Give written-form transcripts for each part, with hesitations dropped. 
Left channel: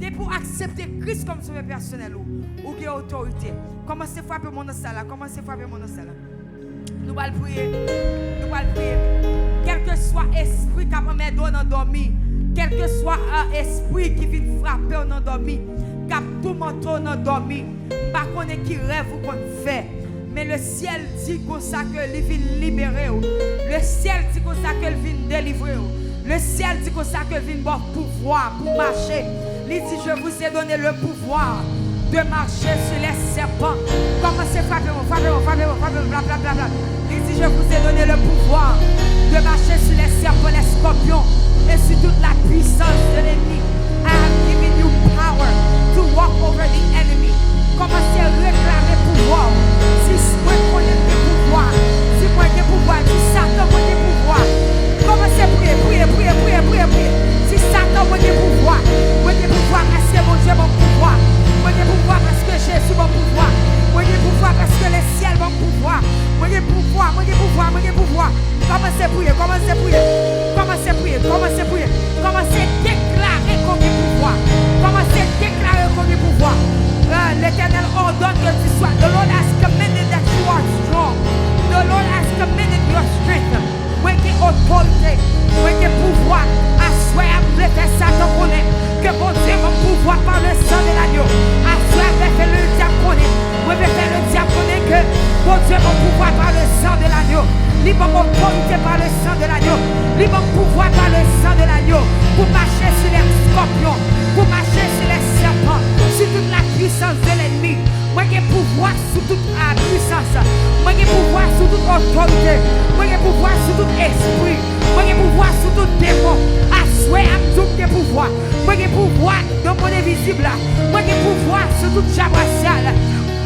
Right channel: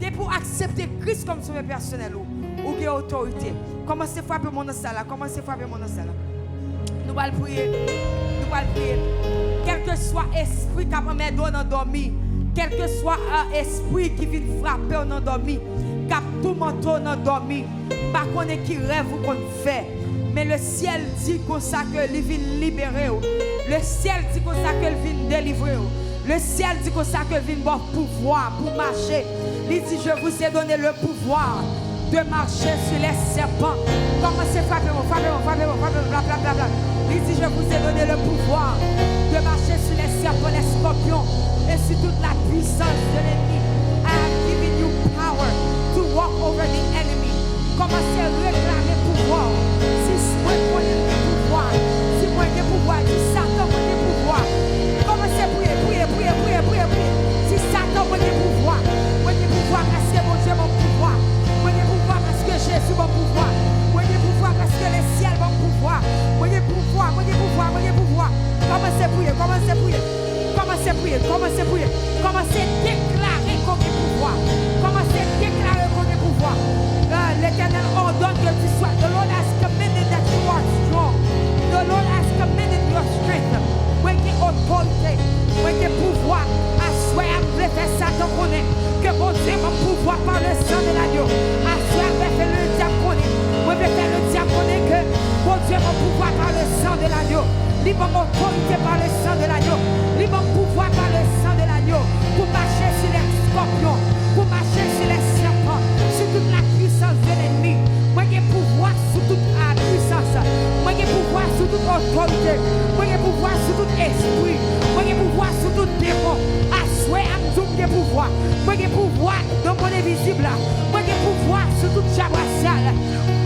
Dès pour accepter Christ comme sauveur personnel ou qui autorité. Commencez à frapper mon dans ça là. Commencez à frapper mon dans ça là. Nous allons prier. Nous allons prier. Quel que soit esprit qui a mis dans endormi, quel que soit un esprit qui vient frapper en endormi, qui a tout menton en endormi, je ne sais pas qui rêve ou qu'on fait. Mais le ciel dit comme ça que il vient libérer. Le ciel dit comme ça qu'il vient délivrer. Le ciel dit comme ça qu'il vient bon pouvoir pour marcher. Il dit je vous ai donné le pouvoir de marcher sur les serpents. Commencez à frapper, blablabla. Il dit je vous ai donné le pouvoir de marcher sur les serpents, les scorpions et sur toute la puissance de l'ennemi. I have given you power to walk over the enemy. Commencez à réclamer pouvoir. Si moi connais le pouvoir, si moi j'ai pouvoir, si Satan moi j'ai pouvoir. Commencez à prier. Si Satan moi j'ai pouvoir parce que mon Dieu mon pouvoir. Moi j'ai pouvoir parce que Jésus mon pouvoir. Moi j'ai pouvoir parce que le ciel mon pouvoir. Moi j'ai pouvoir. Commencez à prier. Commencez à déclarer qu'on a pouvoir. Commencez à déclarer qu'on a pouvoir. L'Éternel ordonne que tu sois. The Lord has commanded that you are strong. The Lord has commanded your strength. Moi j'ai autorité. Moi j'ai pouvoir. Assois à me faire ça tant qu'on est. Que mon Dieu mon pouvoir par le sang de l'agneau. Assois à me faire le diable qu'on est. Moi je vais faire le diable qu'on est que mon Dieu mon pouvoir par le sang de l'agneau. Libre mon autorité par le sang de l'agneau. Libre mon pouvoir par le sang de l'agneau. Pour marcher sur les scorpions. Pour marcher sur les serpents. Sur toute la puissance de l'ennemi. Moi j'ai pouvoir sur toute la puissance. Moi j'ai pouvoir sur toute autorité. Moi j'ai pouvoir sur tout esprit. Moi j'ai pouvoir sur tout démon. Assois à me donner pouvoir. Moi j'ai pouvoir dans mon invisible. Moi j'ai pouvoir sur tout diable racial.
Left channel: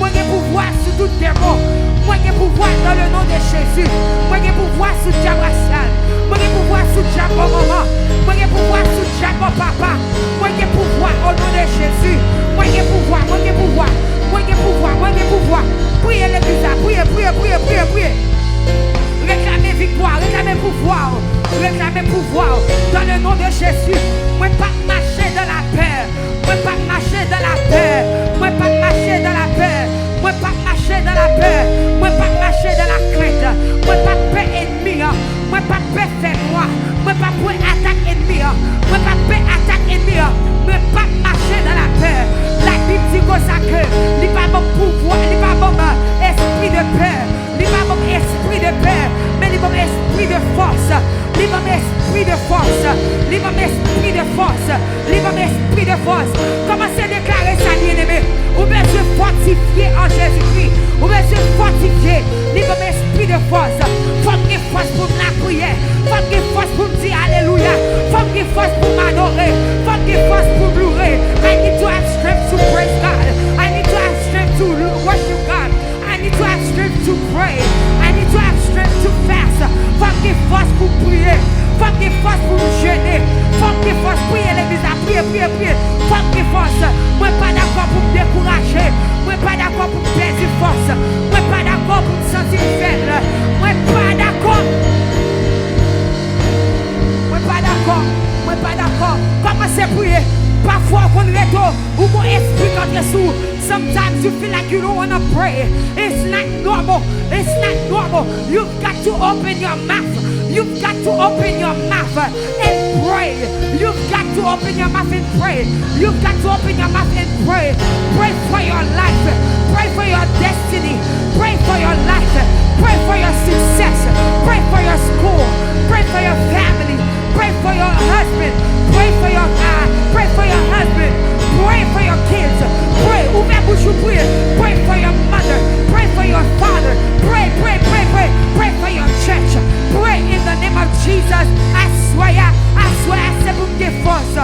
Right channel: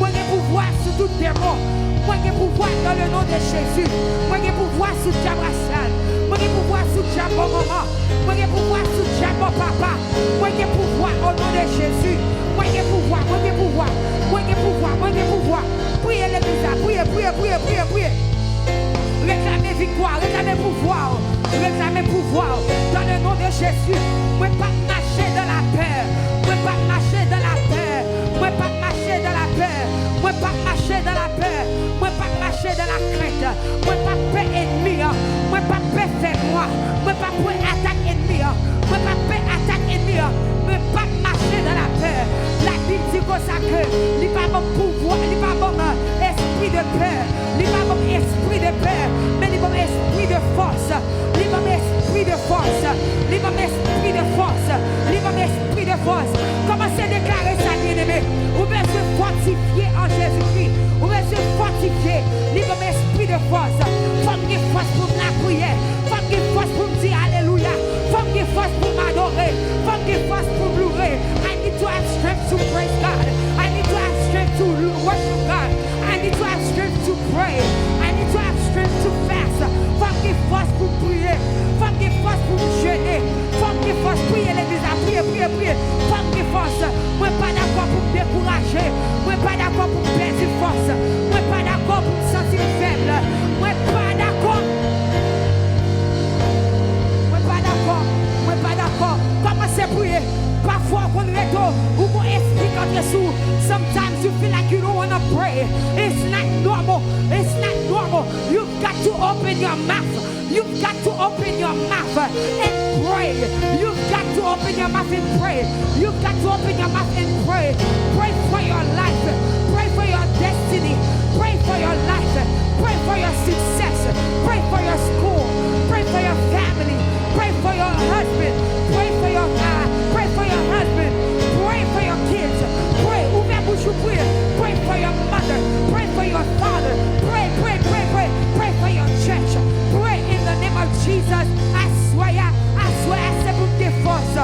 Moi j'ai pouvoir sur tout démon. Moi j'ai pouvoir dans le nom de Jésus. Moi j'ai pouvoir sur le diable racial. Moi j'ai pouvoir sur le diable maman. Moi j'ai pouvoir sur le diable papa. Moi j'ai pouvoir au nom de Jésus. Moi j'ai pouvoir. Priez l'église, priez. Réclamez victoire, réclamez pouvoir. Dans le nom de Jésus. Moi pas marcher dans la peur. Moi pas marcher dans la peur. Moi pas marcher dans la crainte. Moi pas peur ennemi. Moi pas peur fait moi. Moi pas peur attaque ennemi. Moi pas peur attaque ennemi. Moi pas marcher dans la peur. La Bible dit comme ça que il pas bon pouvoir, il pas bon esprit de peur. Il pas bon esprit de peur, mais il bon esprit de force. Il bon esprit de force. Commencez à déclarer ça, bien-aimé. Ou bien se fortifier en Jésus-Christ. Ou bien se fortifier. Il bon esprit de force. Faut que force pour la prière. Faut que force pour me dire alléluia. Faut que force pour m'adorer. Faut que force pour me louer. I need to have strength to praise God. I need to have strength to worship God. I need to have strength to pray. I need to have strength to fast. Faut que force pour prier. Faut que force pour me jeûner. Faut que force pour prier l'église. Prier. Faut que force. Moi pas d'accord pour me décourager. Moi pas d'accord pour me perdre force. Moi pas d'accord pour me sentir faible. Moi pas d'accord. Commencez à prier. Parfois, on retourne ou mon esprit contre sous. Sometimes you feel like you don't want to pray. It's not normal. You've got to open your mouth. and pray. You've got to open your mouth and pray. Pray for your life. Pray for your destiny. Pray for your life. Pray for your success. Pray for your school. Pray for your family. Pray for your husband. Pray for your husband. Pray for your kids. Pray. Ouvre bouche prie. Pray for your mother. Pray for your father. Pray. Pray for your church. Pray in the name of Jesus. Assoya, c'est pour me force.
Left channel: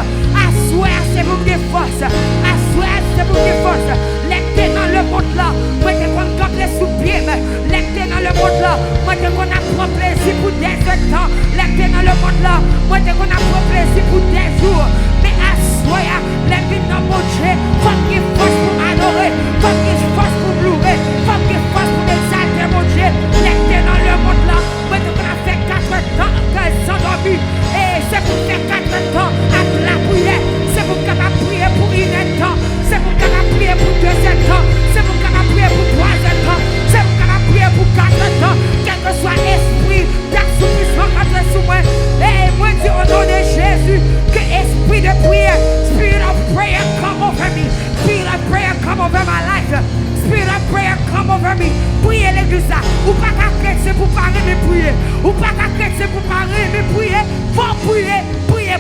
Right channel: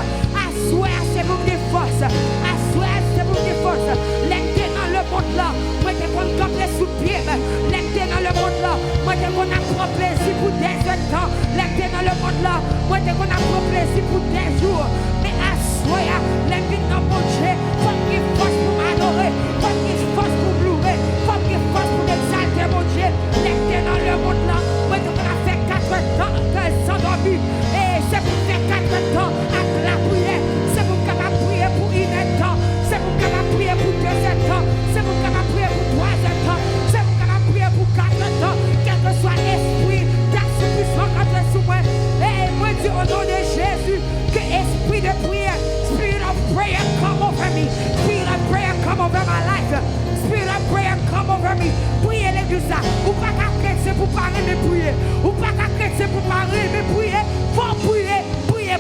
L'aider dans le monde là. Moi t'es qu'on campe sous pied. L'aider dans le monde là. Moi t'es qu'on a prend plaisir pour des temps. L'aider dans le monde là. Moi t'es qu'on a prend plaisir pour des jours. Mais assoya, l'aider dans mon Dieu. Faut qu'il force pour m'adorer. Faut qu'il force pour me louer. Faut qu'il force pour m'exalter mon Dieu. L'aider dans le monde là. Moi t'es qu'on a fait 4 temps qu'elle s'endormit. Et c'est pour faire 4 temps à la prière. C'est pour capable prier pour une deuxième temps, c'est pour qu'on prier pour troisième temps, c'est pour qu'on prier pour quatre temps, quel que soit esprit d'assouplissement quand tu es sous moi. Et moi dis au nom de Jésus que esprit de prière, spirit of prayer come over me, spirit of prayer come over my life, spirit of prayer come over me. Priez l'église là, ou pas qu'à chrétien pour parler mais prier, ou pas qu'à chrétien pour parler mais prier, faut prier.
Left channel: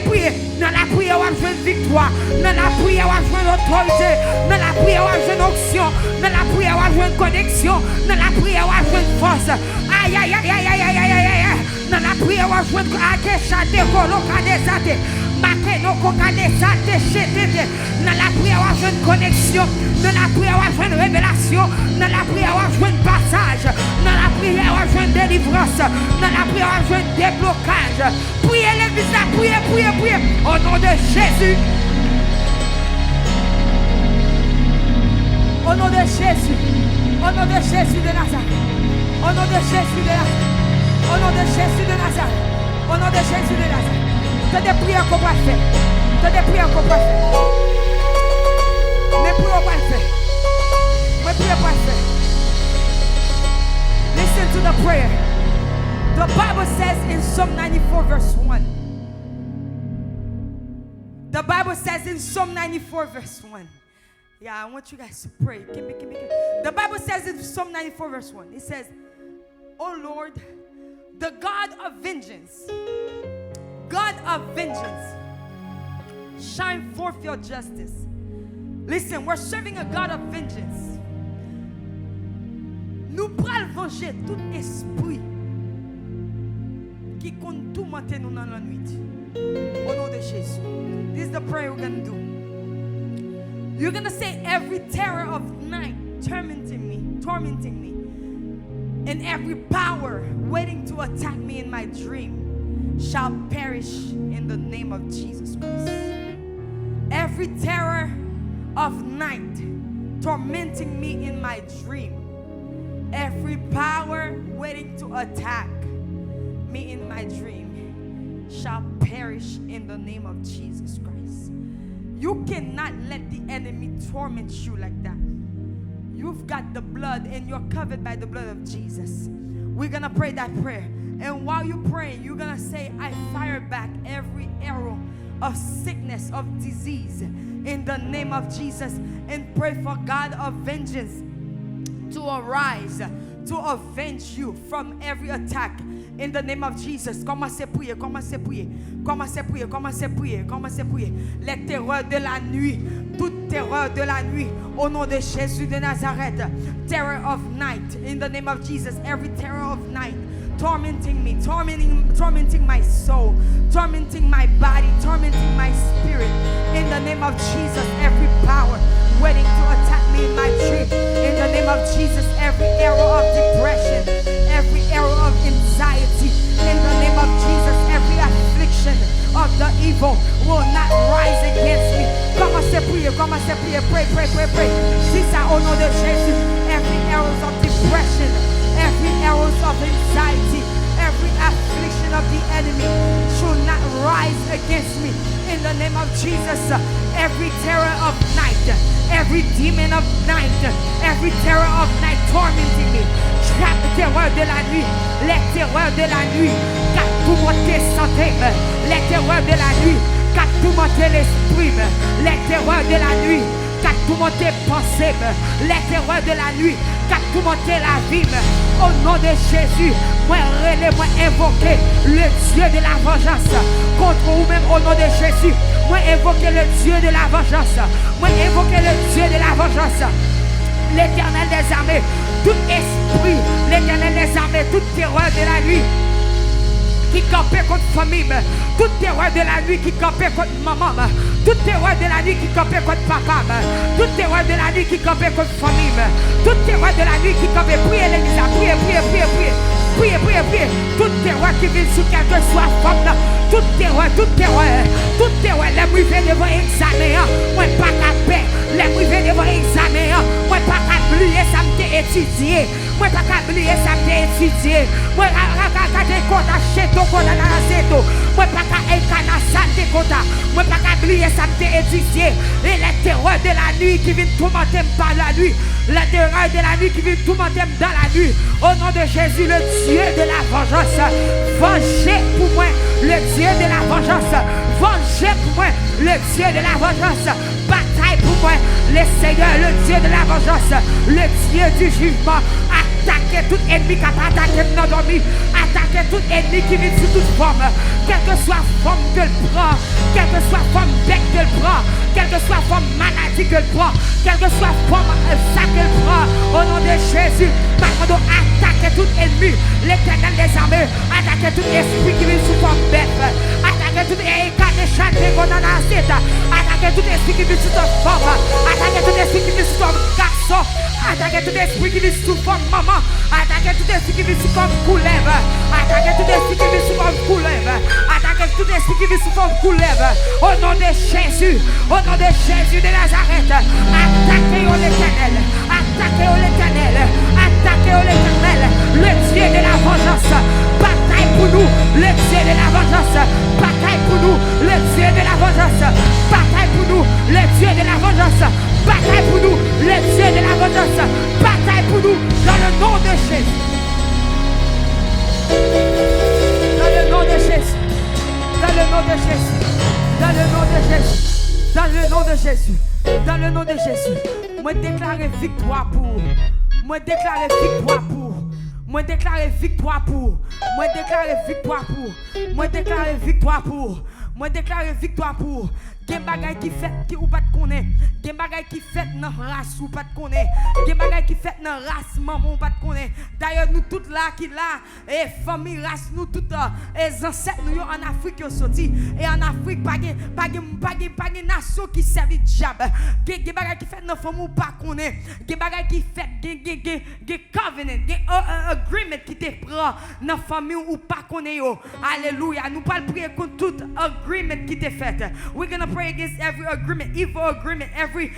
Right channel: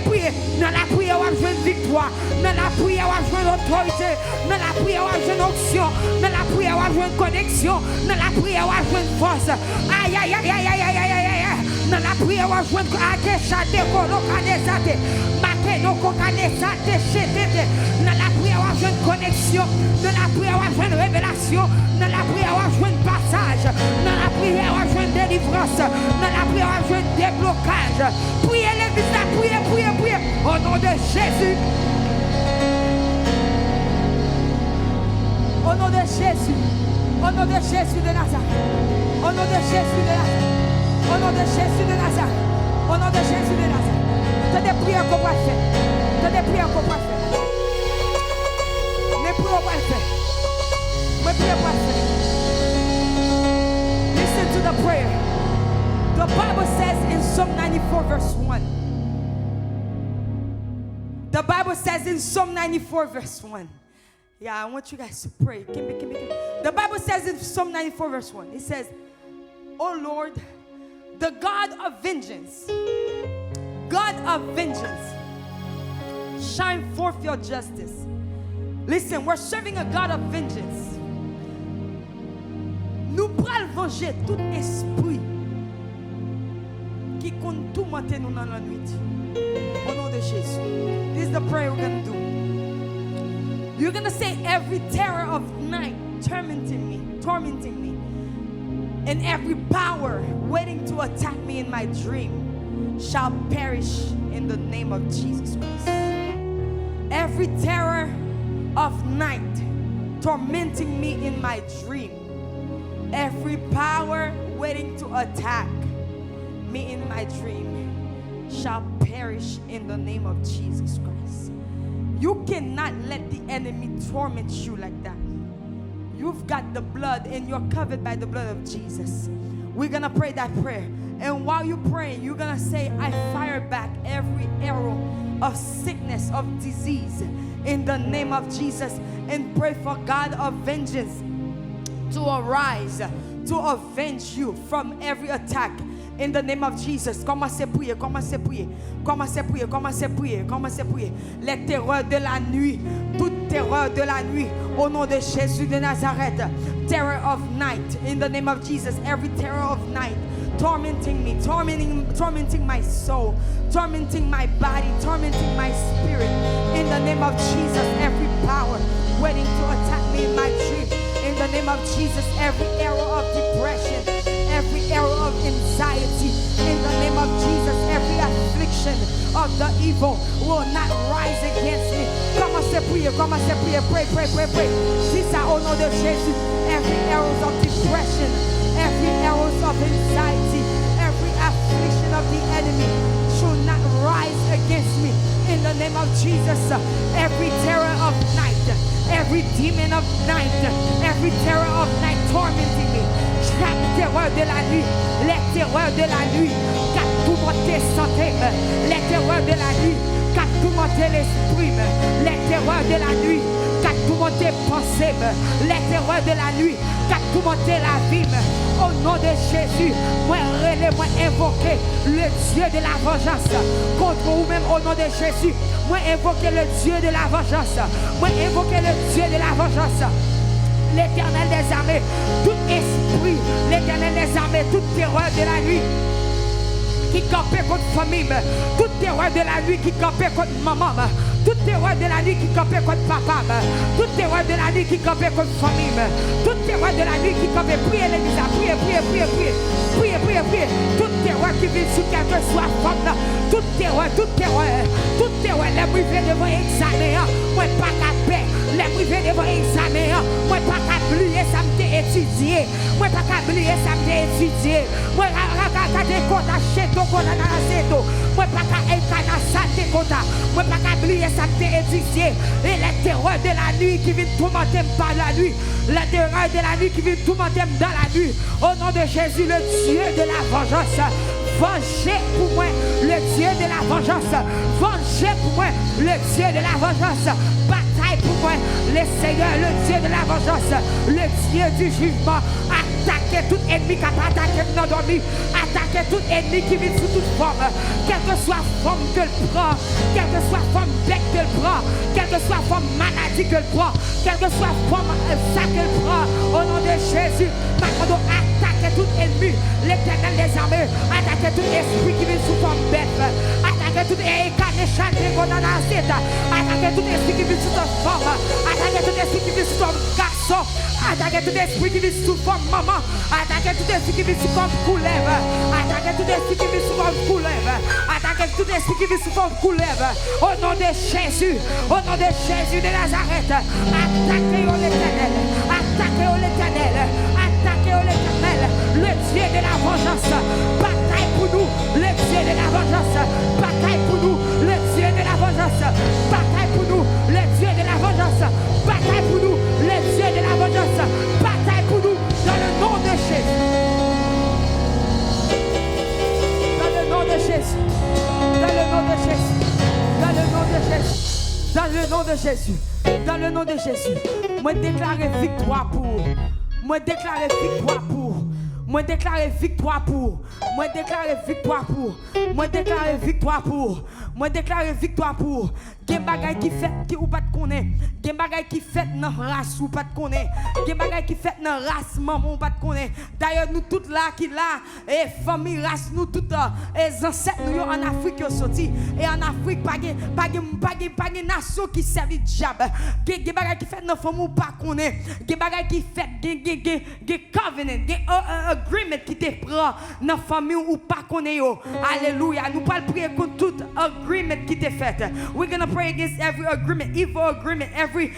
Prier. Dans la prière, on va jouer une victoire. Dans la prière, on va jouer une autorité. Dans la prière, on va jouer une onction. Dans la prière, on va jouer une connexion. Dans la prière, on va jouer une force. Aïe, aïe, aïe, aïe, aïe, aïe, aïe, aïe. Dans la prière, on va jouer une akeshate, kolokadesate. Makeno, kokadesate, chetete. Dans la prière, on va jouer une connexion. Dans la prière, on va jouer une révélation. Dans la prière, on va jouer un passage. Dans la prière, on va jouer une délivrance. Dans la prière, on va jouer un déblocage. Priez l'église là, priez. Au nom de Jésus. Au nom de Jésus. Au nom de Jésus de Nazareth. Au nom de Jésus de Nazareth. Au nom de Jésus de Nazareth. Au nom de Jésus de Nazareth. T'as des prières qu'on va faire. T'as des prières qu'on va faire. Mais prions pas le faire. Mais prions pas le faire. Listen to the prayer. The Bible says in Psalm 94 verse 1. The Bible says in Psalm 94 verse 1. Yeah, I want you guys to pray. The Bible says in Psalm 94 verse 1. It says, "O Lord, the God of vengeance, shine forth your justice." Listen, we're serving a God of vengeance. Nous prenons venger tout esprit qui compte tout matin nous dans la nuit. Au nom de Jésus. This is the prayer we're going to do. You're going to say, every terror of night tormenting me, and every power waiting to attack me in my dream shall perish in the name of Jesus Christ. Every terror of night tormenting me in my dream, every power waiting to attack me in my dream shall perish in the name of Jesus Christ. You cannot let the enemy torment you like that. You've got the blood and you're covered by the blood of Jesus. We're gonna pray that prayer, and while you're praying, you're gonna say, I fire back every arrow of sickness, of disease, in the name of Jesus, and pray for God of vengeance to arise, to avenge you from every attack. In the name of Jesus, commencez à prier, commencez à prier, commencez à prier, commencez à prier, commencez à prier. Les terreurs de la nuit, toute terreur de la nuit, au nom de Jésus de Nazareth. Terror of night, in the name of Jesus, every terror of night, tormenting me, tormenting my soul, tormenting my body, tormenting my spirit. In the name of Jesus, every power waiting to attack me in my dream. In the name of Jesus, every arrow of depression, every arrow of anxiety, in the name of Jesus, every affliction of the evil will not rise against me. Commencez à prier, pray. C'est ça au nom de Jésus. Every arrows of depression, every arrows of anxiety, every affliction of the enemy should not rise against me. In the name of Jesus, every terror of night, every demon of night, every terror of night tormenting me. Chaque terreur de la nuit, les terreurs de la nuit, car tout monter santé, les terreurs de la nuit, car tout monter l'esprit, les terreurs de la nuit, car tout monter pensée, les terreurs de la nuit, car tout monter la vie. Au nom de Jésus, moi invoquer le Dieu de la vengeance contre vous-même. Au nom de Jésus, moi invoquer le Dieu de la vengeance, moi invoquer le Dieu de la vengeance. L'Éternel des armées, tout esprit, l'Éternel des armées, toute terreur de la nuit qui campait contre famille, toute terreur de la nuit qui campait contre maman, toute terreur de la nuit qui campait contre papa, toute terreur de la nuit qui campait contre famille, toute terreur de la nuit qui campait, priez l'église, priez, toute terreur qui vient sur quel que soit femme, toute terreur, les mouillés devant examen, moi pas qu'à paix, les mouillés devant examen, moi pas qu'à oublier ça m'te étudié. Moi pas qu'à oublier ça m'te étudié. Moi pas qu'à compte acheter ton compte dans seto. Moi pas qu'à incarnation de compte. Moi pas qu'à oublier ça m'te étudié. Et les terreurs de la nuit qui viennent tourmenter par la nuit. Les terreurs de la nuit qui viennent tourmenter dans la nuit. Au nom de Jésus, le Dieu de la vengeance. Vengez pour moi le Dieu de la vengeance. Vengez pour moi le Dieu de la vengeance. Bataille pour moi le Seigneur, le Dieu de la vengeance. Le Dieu du jugement. Attaquez tout ennemi qui a pas attaqué dans dormi. Attaquez tout ennemi qui vit sous toute forme. Quelle que soit forme que le prend. Quelle que soit forme bec que le prend. Quelle que soit forme maladie que le prend. Quelle que soit forme ça que le prend. Au nom de Jésus. Maintenant, attaquez tout ennemi. L'Éternel des armées. Attaquez tout esprit qui vit sous forme bête. Attaquez tout incarnation de Gonanaceta. Attaquez tout esprit qui vit sous toute forme. Attaquez tout esprit qui vit sous forme garçon. Attaquez tout esprit qui vit sous forme maman. Attaquez tout esprit qui vit sous forme couleuvre. Attaquez tout esprit qui vit sous forme couleuvre. Attaquez tout esprit qui vit sous forme couleuvre. Au nom de Jésus. Au nom de Jésus de Nazareth. Attaquez l'Éternel. Attaquez l'Éternel. Attaquez l'Éternel. Le Dieu de la vengeance. Bataille pour nous. Le Dieu de la vengeance. Bataille pour nous. Le Dieu de la vengeance. Bataille pour nous. Le Dieu de la vengeance. Bataille pour nous. Le Dieu de la vengeance. Bataille pour nous. Dans le nom de Jésus. Dans le nom de Jésus. Dans le nom de Jésus. Dans le nom de Jésus. Dans le nom de Jésus. Dans le nom de Jésus. Moi déclarer victoire pour. Moi déclarer victoire pour. Moi déclarer victoire pour. Moi déclarer victoire pour. Moi déclarer victoire pour. Moi déclarer victoire pour. Gen bagay qui fait qui ou pas te connaît. Gen bagay qui fait dans race ou pas te connaît. Gen bagay qui fait dans race maman ou pas te connaît. D'ailleurs nous toutes là qui là et famille race nous toutes les ancêtres nous en Afrique sorti et en Afrique pas de nation qui servi diable. Gen bagay qui fait dans famille ou pas connaît. Gen bagay qui fait gen covenant, gen agreement qui te prend dans famille ou pas connaît yo. Alléluia. Nous pas prier contre tout agreement qui te fait. We're going to pray against every agreement, every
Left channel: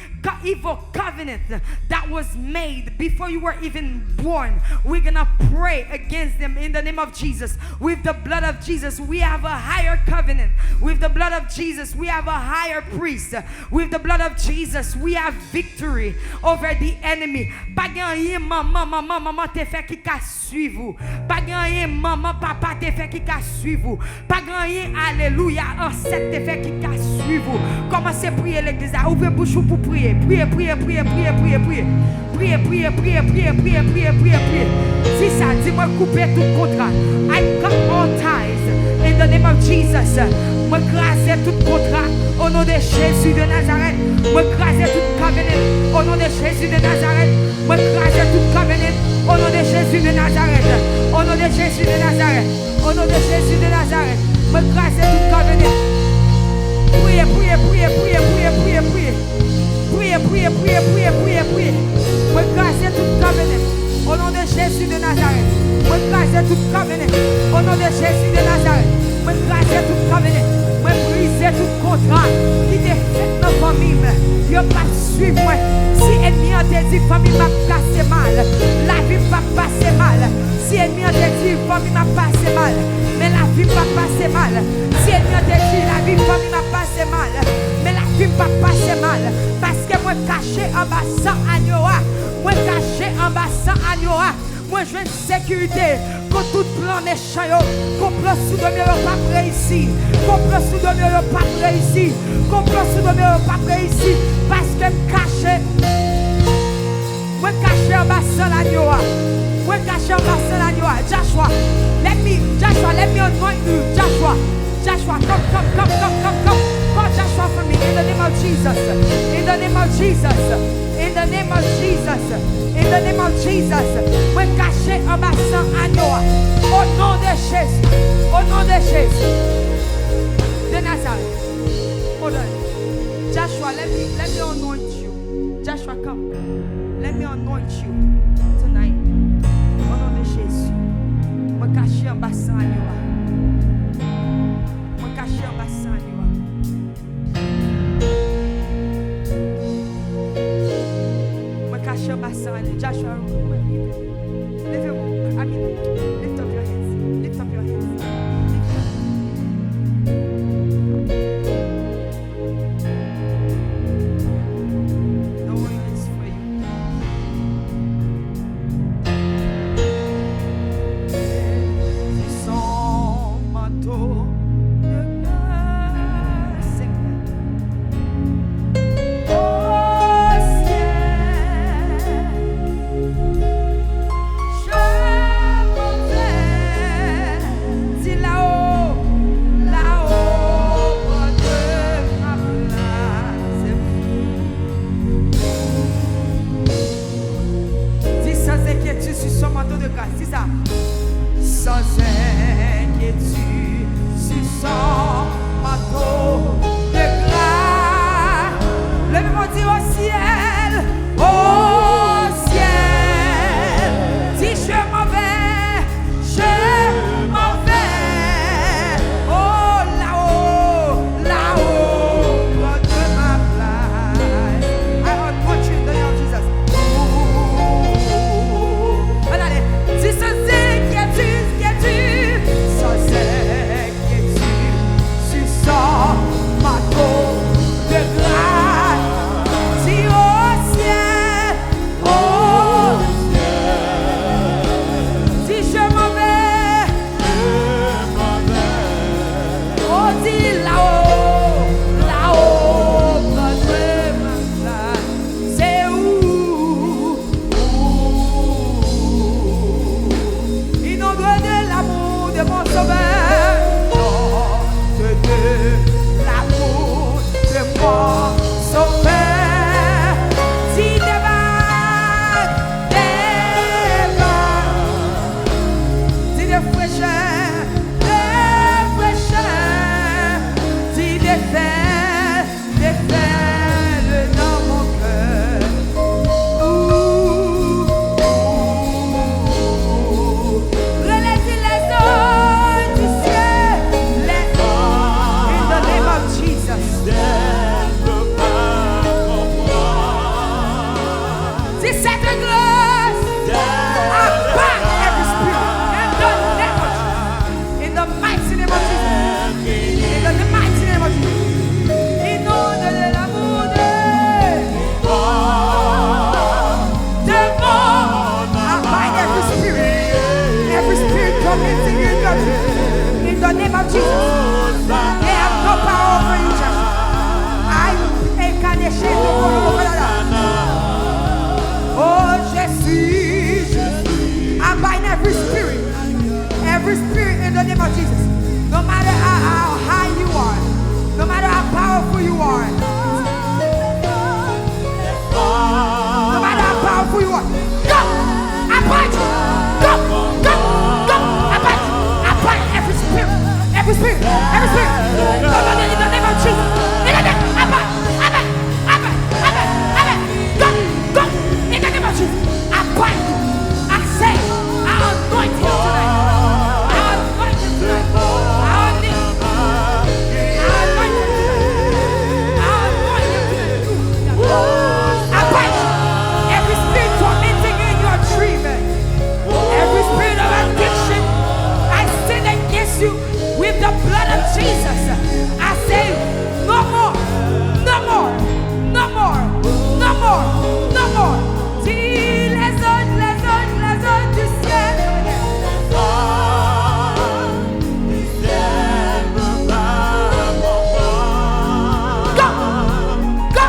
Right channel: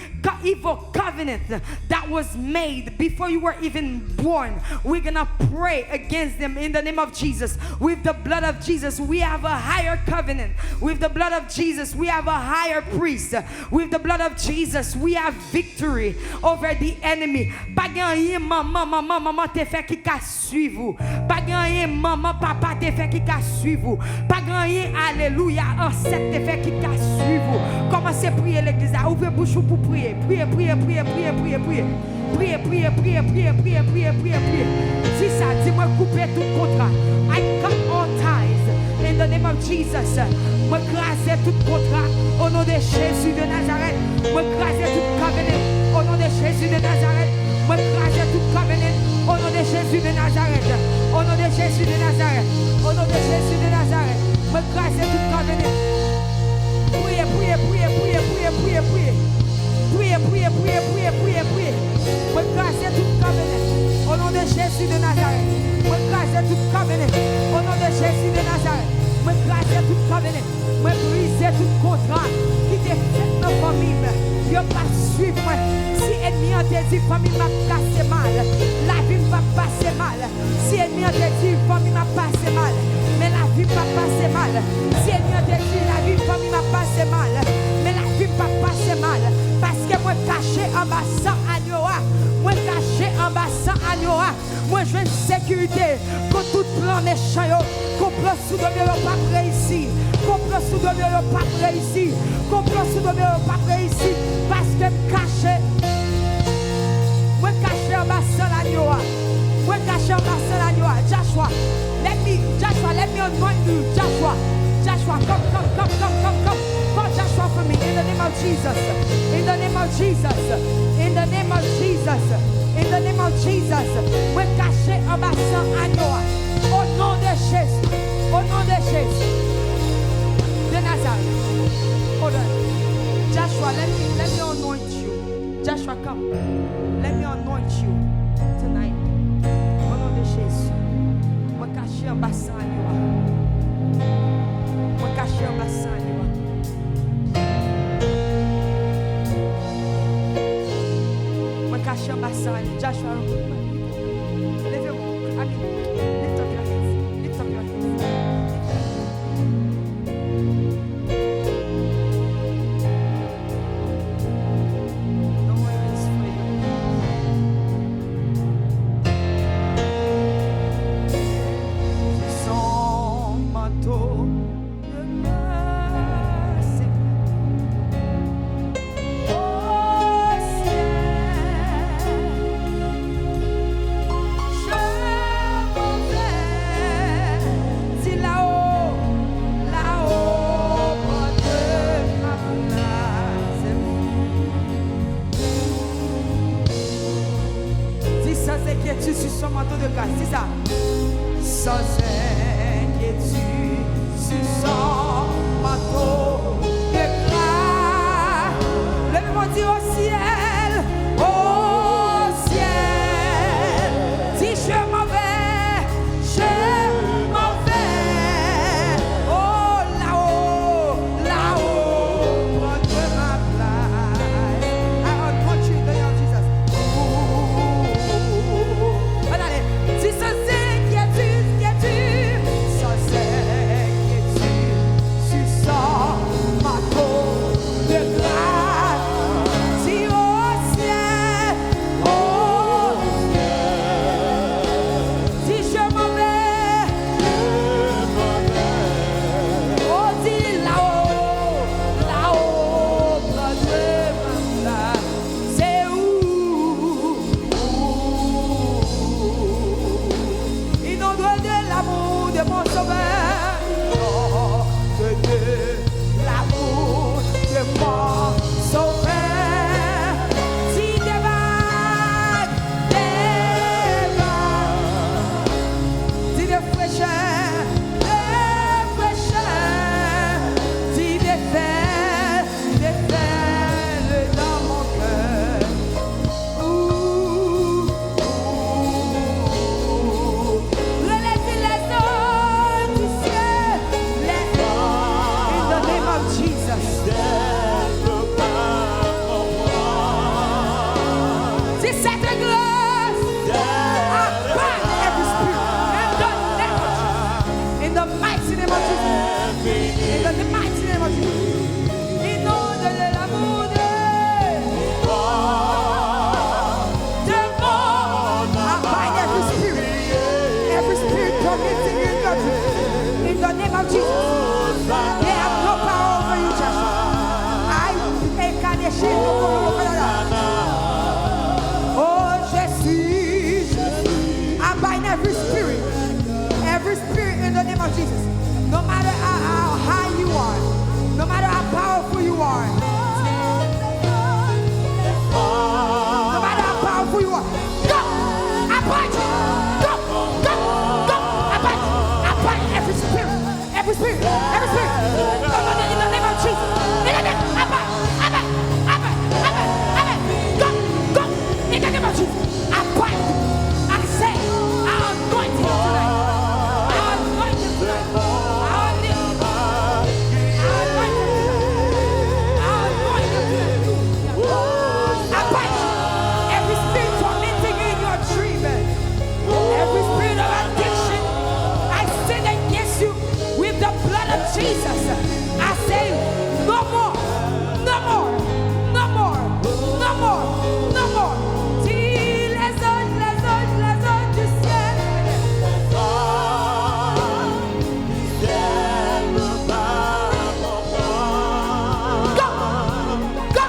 evil covenant that was made before you were even born. We're going to pray against them in the name of Jesus. With the blood of Jesus, we have a higher covenant. With the blood of Jesus, we have a higher priest. With the blood of Jesus, we have victory over the enemy. Pas gagner maman te fait qui ka suivre. Pas gagner maman papa te fait qui ka suivre. Pas gagner alléluia ancêtre te fait qui ka suivre. Commencez à prier l'église. Ouvrez bouche pour prier. Priez. Si ça, dis-moi couper tout contrat. I cut all ties in the name of Jesus. Moi craser tout contrat au nom de Jésus de Nazareth. Moi craser tout covenant au nom de Jésus de Nazareth. Moi craser tout covenant au nom de Jésus de Nazareth. Au nom de Jésus de Nazareth. Au nom de Jésus de Nazareth. Moi craser tout covenant. Priez. Moi craser tout covenant au nom de Jésus de Nazareth. Moi craser tout covenant au nom de Jésus de Nazareth. Moi craser tout covenant. Moi briser tout contrat qui te fait dans la famille. Yo pas suivre moi. Si ennemi a te dit famille m'a passé mal, la vie m'a passé mal. Si ennemi a te dit famille m'a passé mal, mais la vie m'a passé mal. Si ennemi a te dit la vie famille m'a passé mal, mais la vie m'a passé mal. Parce que moi caché en bas sans agneau, moi caché en bas sans agneau, moi je veux une sécurité. Quand tout plan méchant, complot sous de mieux pas réussi, complot sous de mieux pas réussi, complot sous de mieux pas réussi. Parce que me caché. Moi caché en bas sans l'agneau. Moi caché en bas sans l'agneau. Joshua, let me anoint you. Joshua, come. Call Joshua for me in the name of Jesus. In the name of Jesus. In the name of Jesus. In the name of Jesus. Moi caché en bas sans agneau. Au nom de Jésus. Au nom de Jésus. De Nazareth. Hold on. Joshua, let me anoint you. Joshua, come. Let me anoint you tonight. Au nom de Jésus. Moi caché en bas sans agneau. Moi caché en bas sans agneau. Moi caché en bassin. Joshua, levez-moi. Amen. Lift up your hands. Lift up your hands. Lift up. The oil is for you. C'est son manteau de grâce. Au ciel, je m'en vais. Si là-haut, là-haut, près de ma place. Dis sans inquiétude sur son manteau de grâce. Dis ça. Sans inquiétude sur son manteau de grâce. Levez-moi, dis au ciel, si je m'en vais, oh là-haut, là-haut, près de ma place. I anoint you in the name of Jesus. Allez, dis sans inquiétude, sans inquiétude, sur son manteau de grâce. Dis au ciel, si je m'en vais, oh dis là-haut, là-haut, près de ma place. C'est où? Inonde de l'amour de mon sauveur, inonde de l'amour de mon sauveur. Si des vagues, si des fraîcheurs, si des fêles dans mon cœur. Relève les eaux du ciel, les eaux, in the name of Jesus. C'est cette grâce. I bind every spirit in the mighty name of Jesus. In the mighty name of Jesus. Inonde de l'amour de mon. I bind every spirit tormenting you in the name of Jesus. They have no power over you, Joshua. Oh, je suis. I bind every spirit in the name of Jesus. No matter how high you are, no matter how powerful you are, no matter how powerful you are, go! I bind you! Go! Go! Go! I bind every spirit! Every spirit! In the name of Jesus! In the name, I bind! Go! Go! In the name of Jesus! I bind you! I say, I anoint him tonight! I anoint him tonight! I bind you! Every spirit tormenting you in your dream, every spirit of addiction, I sin against you with the blood of Jesus. I say, no more, no more, no more, no more, no more. Si les anges du ciel, go, go,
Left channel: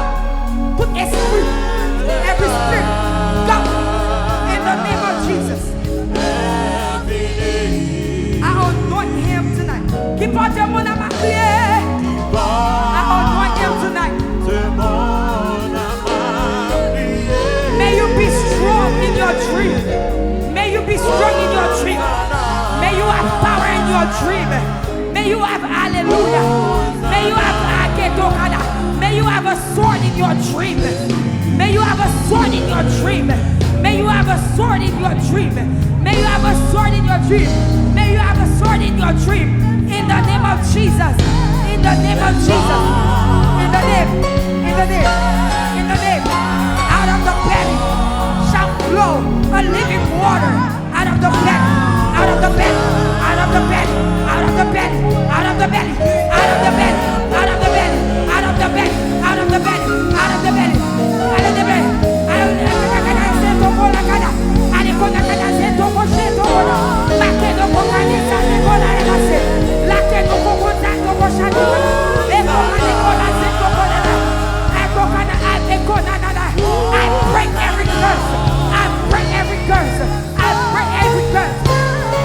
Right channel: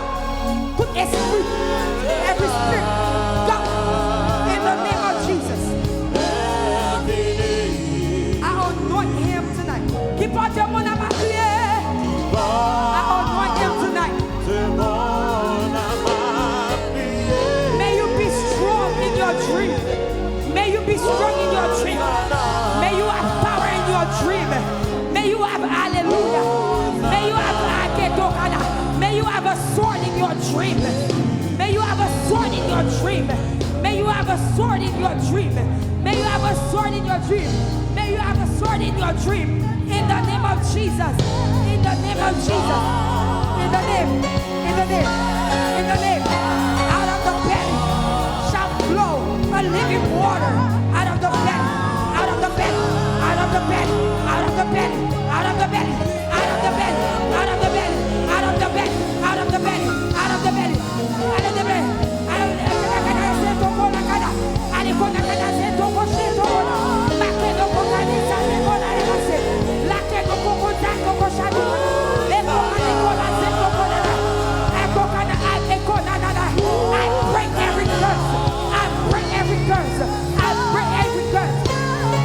put esprit, every spirit, go, in the name of Jesus. I anoint him tonight. Keep on your money, my clear. I anoint him tonight. May you be strong in your dream. May you be strong in your dream. May you have power in your dream. May you have hallelujah. May you have aketokana. May you have a sword in your dream. May you have a sword in your dream. May you have a sword in your dream. May you have a sword in your dream. May you have a sword in your dream. In the name of Jesus. In the name of Jesus. In the name. In the name. In the name. Out of the belly. a living water out of the belly, out of the belly, out of the belly, out of the belly, out of the belly, out of the belly, out of the belly, out of the belly, out of the belly, out of the belly, out of the belly, out of the I break every curse. I break every curse. I break every curse.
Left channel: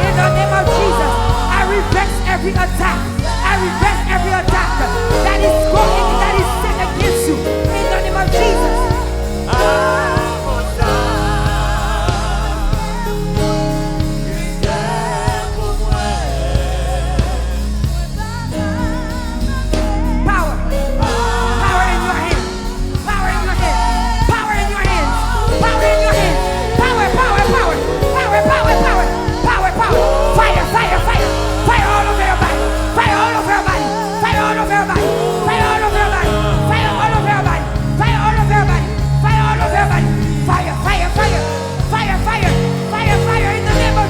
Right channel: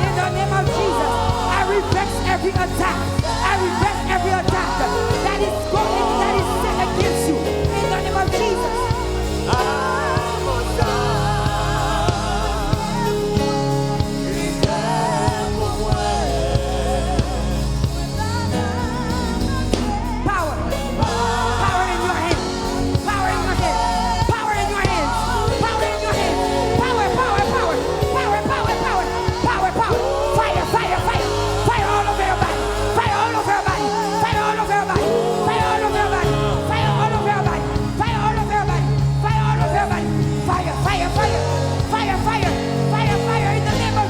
In the name of Jesus, I reverse every attack. I reverse every attack that is going, that is set against you. In the name of Jesus.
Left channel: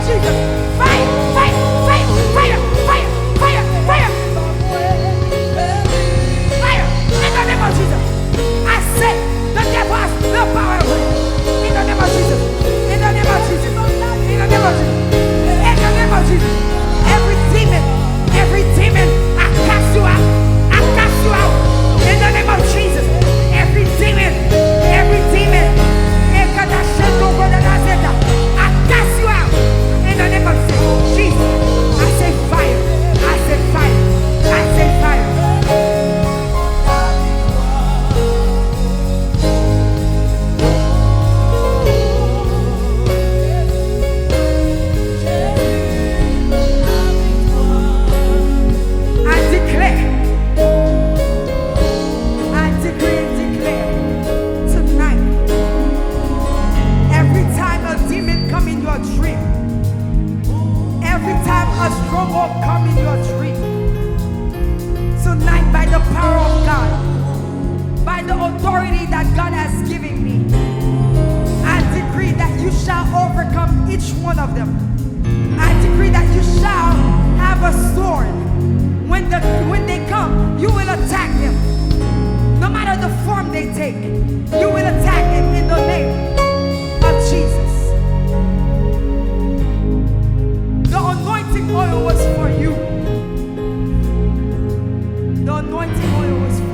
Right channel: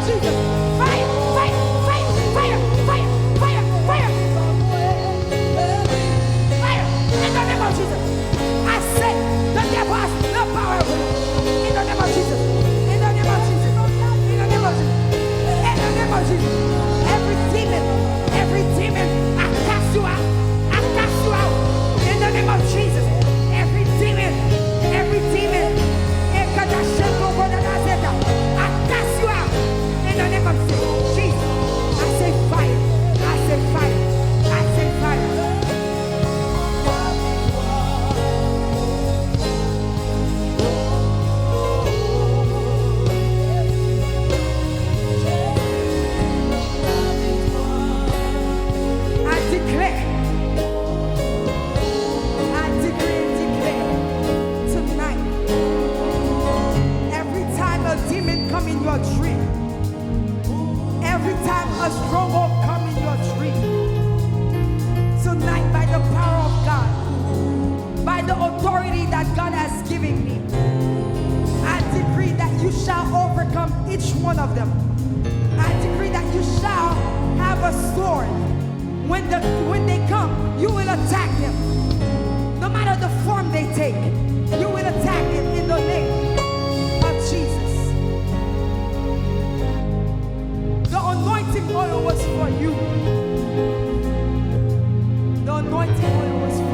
Jesus. Fire, fire, fire, fire, fire, fire, fire. Fire in the name of Jesus. I say the devil has no power over you. In the name of Jesus. In the name of Jesus. In the name of Jesus. In the name of Jesus. Every demon, I cast you out. I cast you out. In the name of Jesus. Every demon, I cast you out. In the name of Jesus, I say fire, I say fire, I say fire. I decree and declare tonight, every time a demon come in your dream, every time a stronghold come in your dream, tonight by the power of God, by the authority that God has given me, I decree that you shall overcome each one of them. I decree that you shall have a sword. When they come, you will attack them. No matter the form they take, you will attack them in the name of Jesus. The anointing oil was for you. The anointing oil was for you.